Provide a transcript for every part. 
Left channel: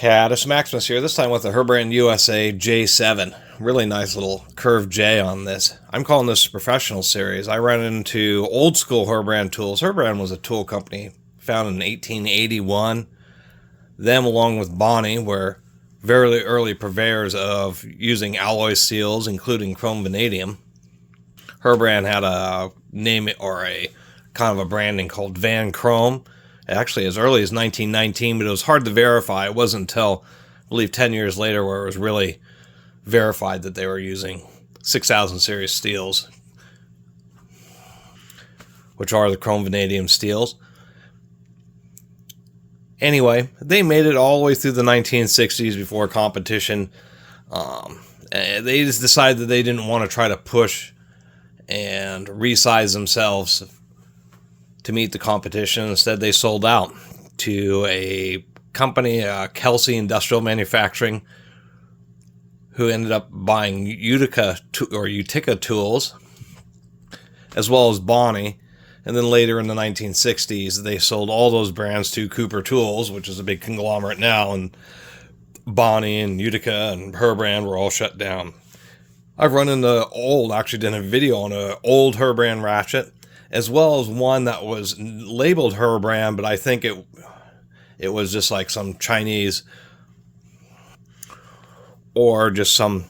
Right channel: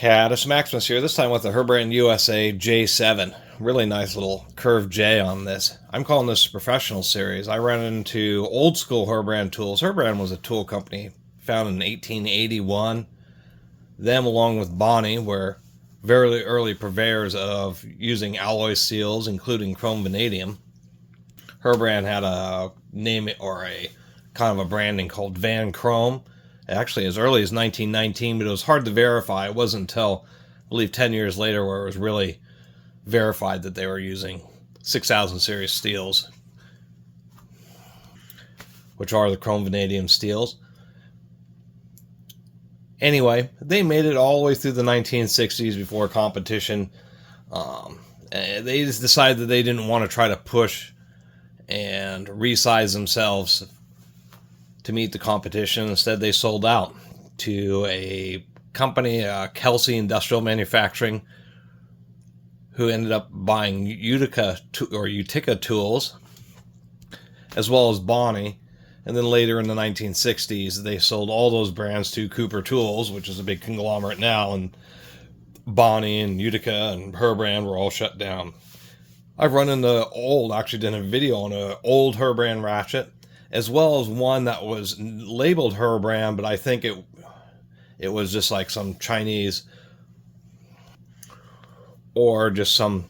Catus, Maximus here, this time with the Herbrand USA J7. Really nice little curved J on this. I'm calling this a professional series. I run into old school Herbrand tools. Herbrand was a tool company founded in 1881. Them, along with Bonnie, were very early purveyors of using alloy seals, including chrome vanadium. Herbrand had a name or a kind of a branding called Van Chrome. Actually, as early as 1919, but it was hard to verify. It wasn't until, I believe, 10 years later where it was really verified that they were using 6000 series steels, which are the chrome vanadium steels. Anyway, they made it all the way through the 1960s before competition. They just decided that they didn't want to try to push and resize themselves to meet the competition. Instead, they sold out to a company, Kelsey Industrial Manufacturing, who ended up buying Utica tools, as well as Bonnie. And then later in the 1960s, they sold all those brands to Cooper Tools, which is a big conglomerate now, and Bonnie and Utica and Herbrand were all shut down. I've run into actually did a video on an old Herbrand ratchet, as well as one that was labeled Herbrand, but I think it was just like some Chinese or just some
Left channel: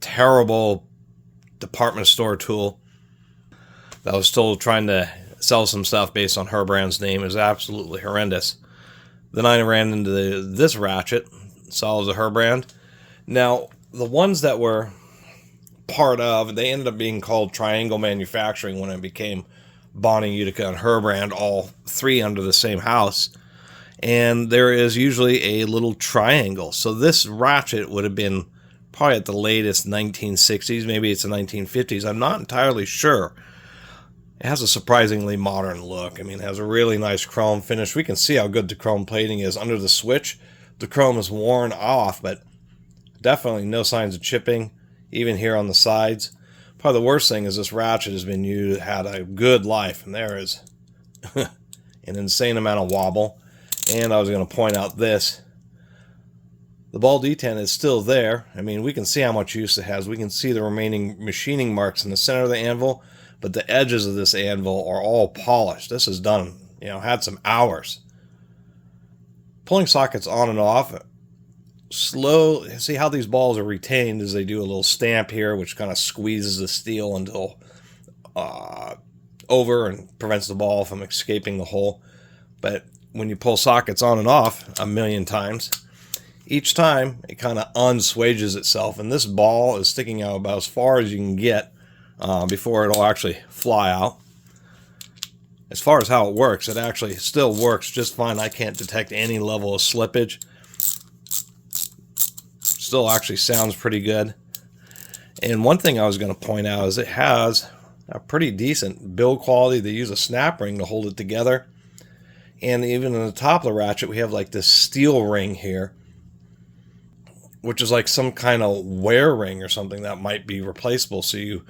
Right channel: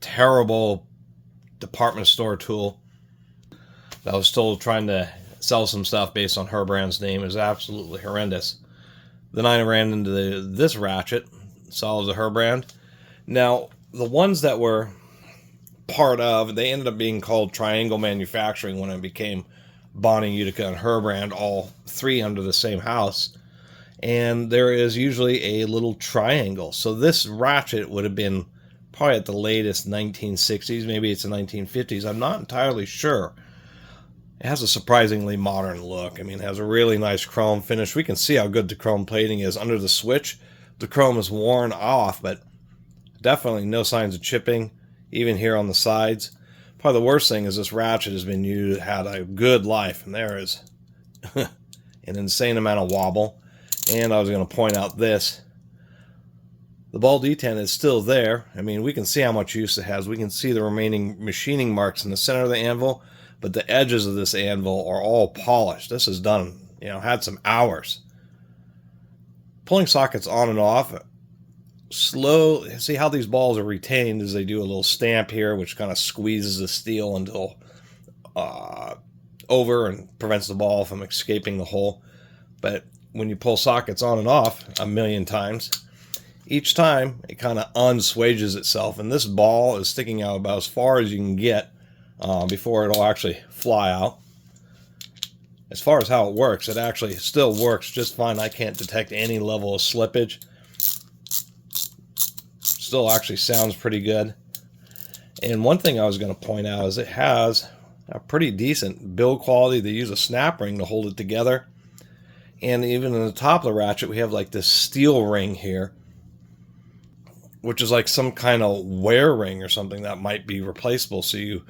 terrible department store tool that was still trying to sell some stuff based on Herbrand's name. Is absolutely horrendous. Then I ran into this ratchet, saw as a Herbrand. Now, the ones that were part of, they ended up being called Triangle Manufacturing when it became Bonnie, Utica, and Herbrand, all three under the same house. And there is usually a little triangle. So this ratchet would have been probably at the latest 1960s, maybe it's the 1950s. I'm not entirely sure. It has a surprisingly modern look. I mean, it has a really nice chrome finish. We can see how good the chrome plating is under the switch. The chrome is worn off, but definitely no signs of chipping, even here on the sides. Probably the worst thing is this ratchet has been used, had a good life, and there is an insane amount of wobble. And I was going to point out this. The ball detent is still there. I mean, we can see how much use it has. We can see the remaining machining marks in the center of the anvil, but the edges of this anvil are all polished. This is done, had some hours. Pulling sockets on and off, slow. See how these balls are retained as they do a little stamp here, which kind of squeezes the steel until over and prevents the ball from escaping the hole. But when you pull sockets on and off a million times, each time it kind of unswages itself, and this ball is sticking out about as far as you can get before it'll actually fly out. As far as how it works, it actually still works just fine. I can't detect any level of slippage. Still actually sounds pretty good. And one thing I was going to point out is it has a pretty decent build quality. They use a snap ring to hold it together. And even in the top of the ratchet, we have like this steel ring here, which is like some kind of wear ring or something that might be replaceable. So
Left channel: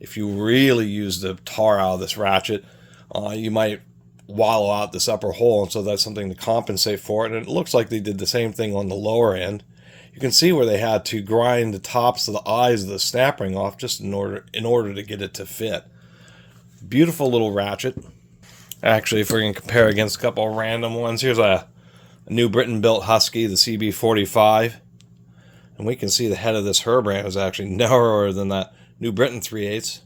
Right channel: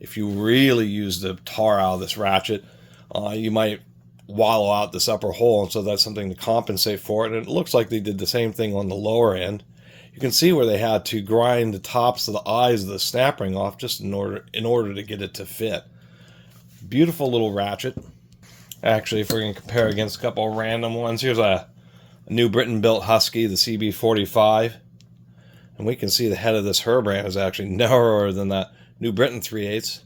if you really use the tar out of this ratchet, you might wallow out this upper hole. And so that's something to compensate for it. And it looks like they did the same thing on the lower end. You can see where they had to grind the tops of the eyes of the snap ring off just in order to get it to fit. Beautiful little ratchet. Actually, if we're going to compare against a couple of random ones, here's a New Britain built Husky, the CB45. And we can see the head of this Herbrand is actually narrower than that New Britain 3/8.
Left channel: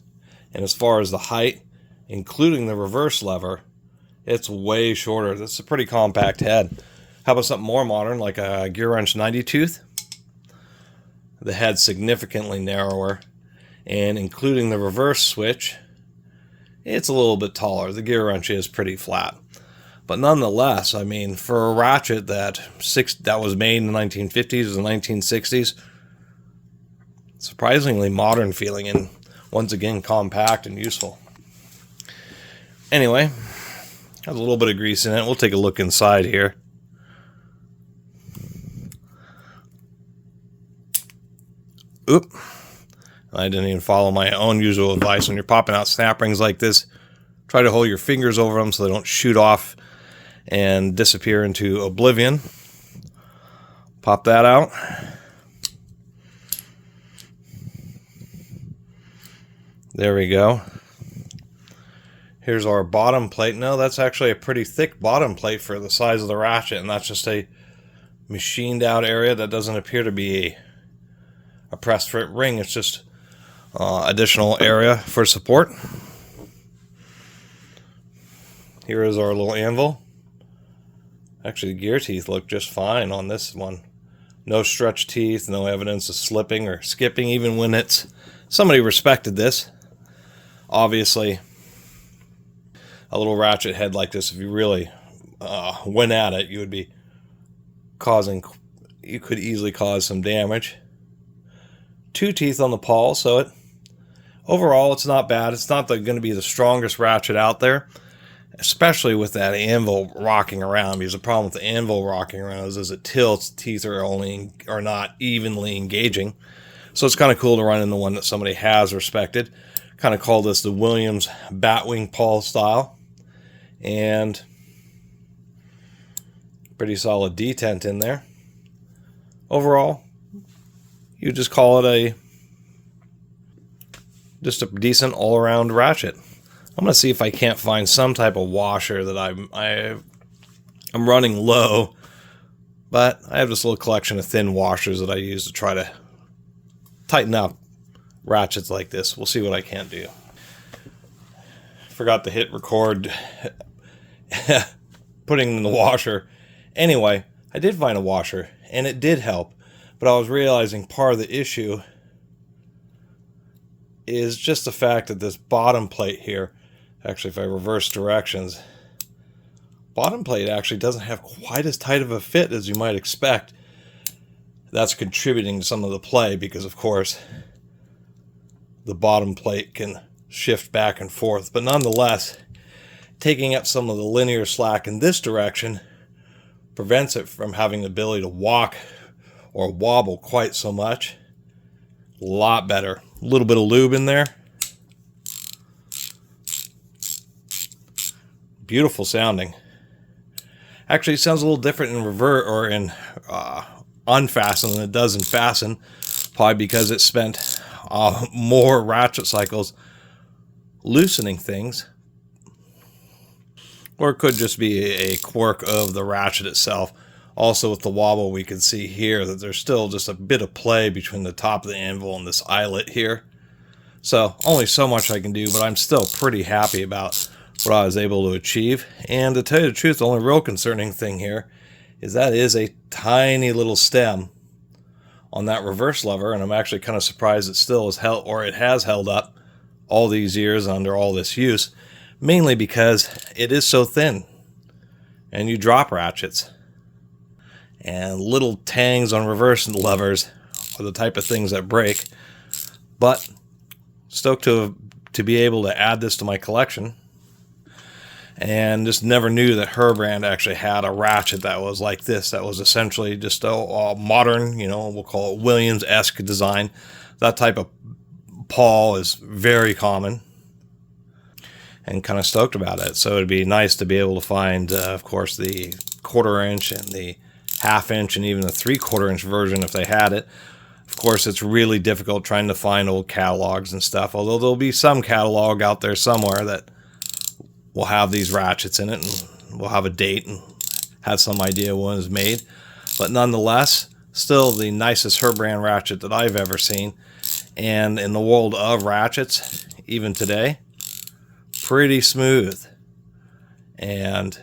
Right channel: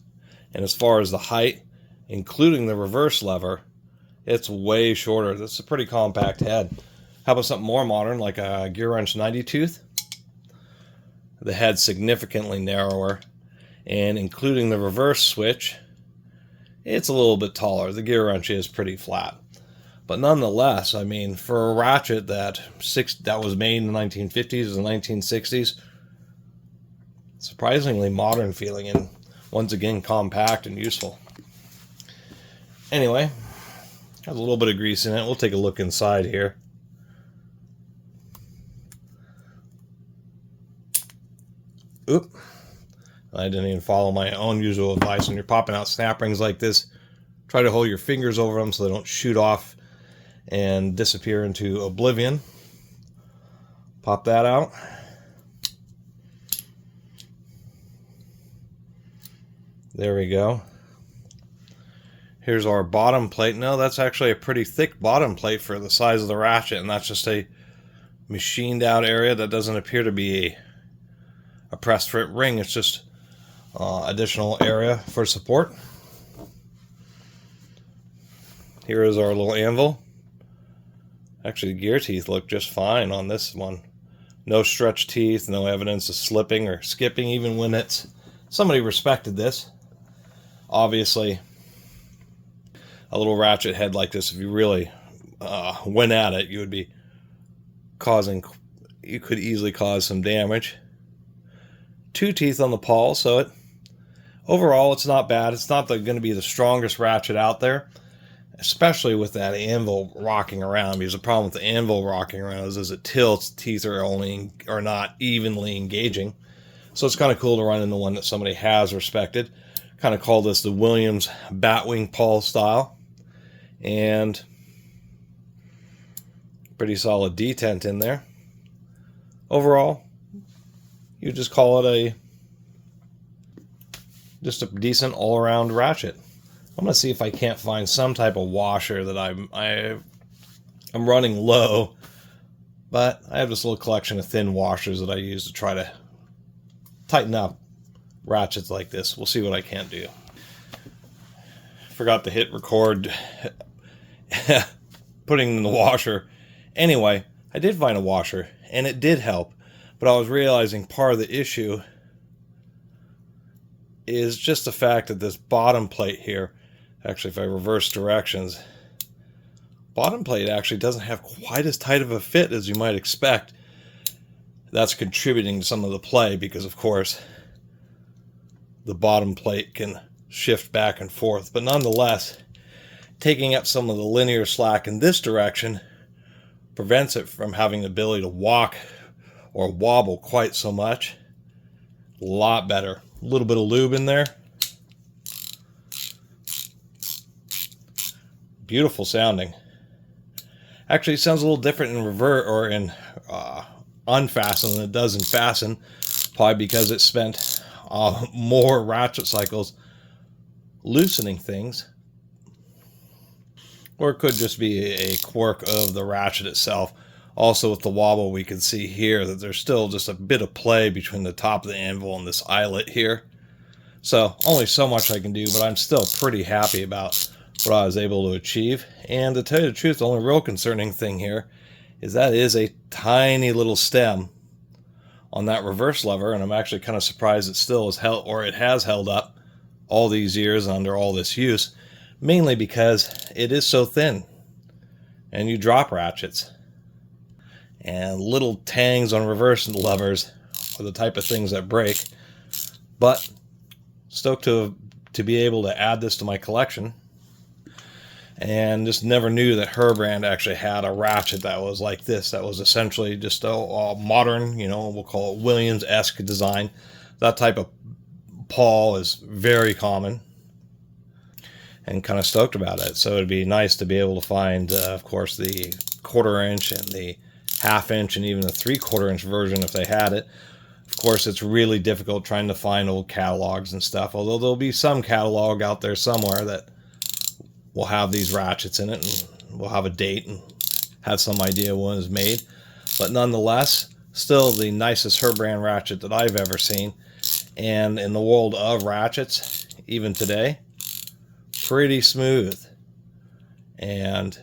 And as far as the height, including the reverse lever, it's way shorter. This is a pretty compact head. How about something more modern, like a gear wrench 90 tooth? The head's significantly narrower, and including the reverse switch, it's a little bit taller. The gear wrench is pretty flat. But nonetheless, I mean, for a ratchet that was made in the 1950s and 1960s, surprisingly modern feeling, and once again compact and useful. Anyway, has a little bit of grease in it. We'll take a look inside here. Oop. I didn't even follow my own usual advice. When you're popping out snap rings like this, try to hold your fingers over them so they don't shoot off and disappear into oblivion. Pop that out. There we go. Here's our bottom plate. No, that's actually a pretty thick bottom plate for the size of the ratchet, and that's just a machined out area that doesn't appear to be a pressed fit ring. It's just additional area for support. Here is our little anvil. Actually, the gear teeth look just fine on this one. No stretch teeth, no evidence of slipping or skipping, even when it's somebody respected this. Obviously, a little ratchet head like this, if you really went at it, you could easily cause some damage. 2 teeth on the pawl, so overall it's not bad. It's not going to be the strongest ratchet out there, especially with that anvil rocking around, because the problem with the anvil rocking around is as it tilts, teeth are not evenly engaging. So it's kind of cool to run in the one that somebody has respected. Kind of call this the Williams Batwing pawl style. And pretty solid detent in there. Overall, you just call it just a decent all-around ratchet. I'm going to see if I can't find some type of washer that I'm running low, but I have this little collection of thin washers that I use to try to tighten up ratchets like this. We'll see what I can do. Forgot to hit record putting in the washer. Anyway, I did find a washer, and it did help, but I was realizing part of the issue is just the fact that this bottom plate here, actually if I reverse directions, bottom plate actually doesn't have quite as tight of a fit as you might expect. That's contributing to some of the play because, of course, the bottom plate can shift back and forth. But nonetheless, taking up some of the linear slack in this direction prevents it from having the ability to walk or wobble quite so much. A lot better. A little bit of lube in there. Beautiful sounding. Actually, it sounds a little different in revert or in unfasten than it does in fasten, probably because it spent more ratchet cycles loosening things, or it could just be a quirk of the ratchet itself. Also with the wobble, we can see here that there's still just a bit of play between the top of the anvil and this eyelet here. So only so much I can do, but I'm still pretty happy about what I was able to achieve. And to tell you the truth, the only real concerning thing here is that is a tiny little stem on that reverse lever, and I'm actually kind of surprised it still is held, or it has held up all these years under all this use, mainly because it is so thin and you drop ratchets, and little tangs on reverse levers are the type of things that break. But stoked to be able to add this to my collection. And just never knew that Herbrand actually had a ratchet that was like this, that was essentially just a modern, we'll call it Williams-esque design. That type of pawl is very common, and kind of stoked about it. So it'd be nice to be able to find, of course, the 1/4 inch and the 1/2 inch and even the 3/4 inch version if they had it. Of course, it's really difficult trying to find old catalogs and stuff, although there'll be some catalog out there somewhere that will have these ratchets in it, and we'll have a date and have some idea when it was made. But nonetheless, still the nicest Herbrand ratchet that I've ever seen. And in the world of ratchets, even today, pretty smooth. And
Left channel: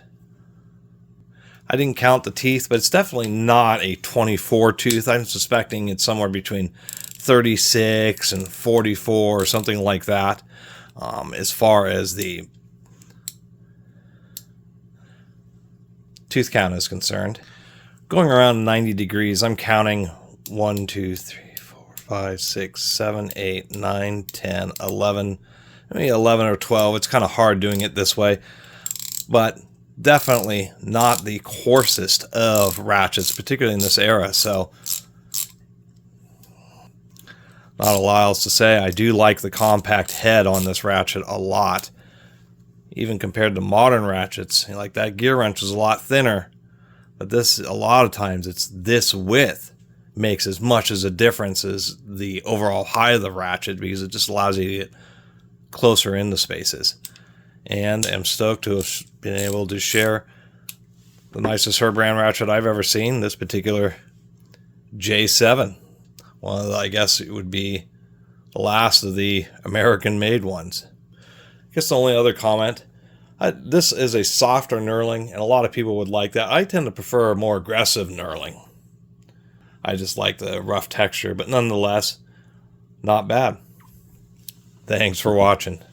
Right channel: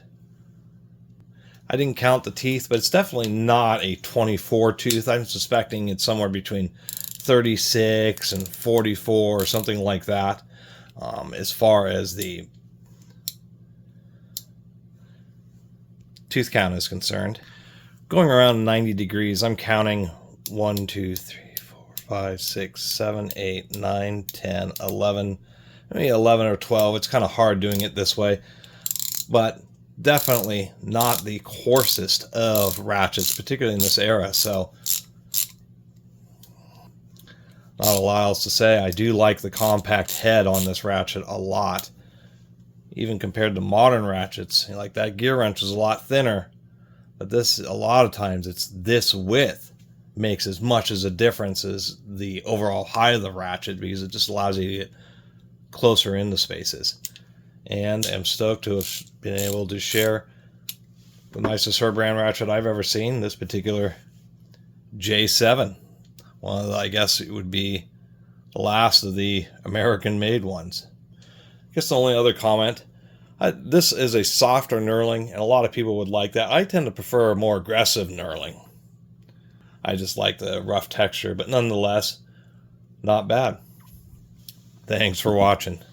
I didn't count the teeth, but it's definitely not a 24 tooth. I'm suspecting it's somewhere between 36 and 44 or something like that, as far as the tooth count is concerned. Going around 90 degrees, I'm counting 1, 2, 3, 4, 5, 6, 7, 8, 9, 10, 11, maybe 11 or 12. It's kind of hard doing it this way, but definitely not the coarsest of ratchets, particularly in this era. So not a lot else to say. I do like the compact head on this ratchet a lot. Even compared to modern ratchets, like that gear wrench is a lot thinner But this, a lot of times, it's this width makes as much as a difference as the overall height of the ratchet, because it just allows you to get closer into spaces. And I'm stoked to have been able to share the nicest Herbrand ratchet I've ever seen, this particular J7. One of the, I guess it would be the last of the American-made ones. I guess the only other comment, this is a softer knurling, and a lot of people would like that. I tend to prefer a more aggressive knurling. I just like the rough texture, but nonetheless, not bad. Thanks for watching.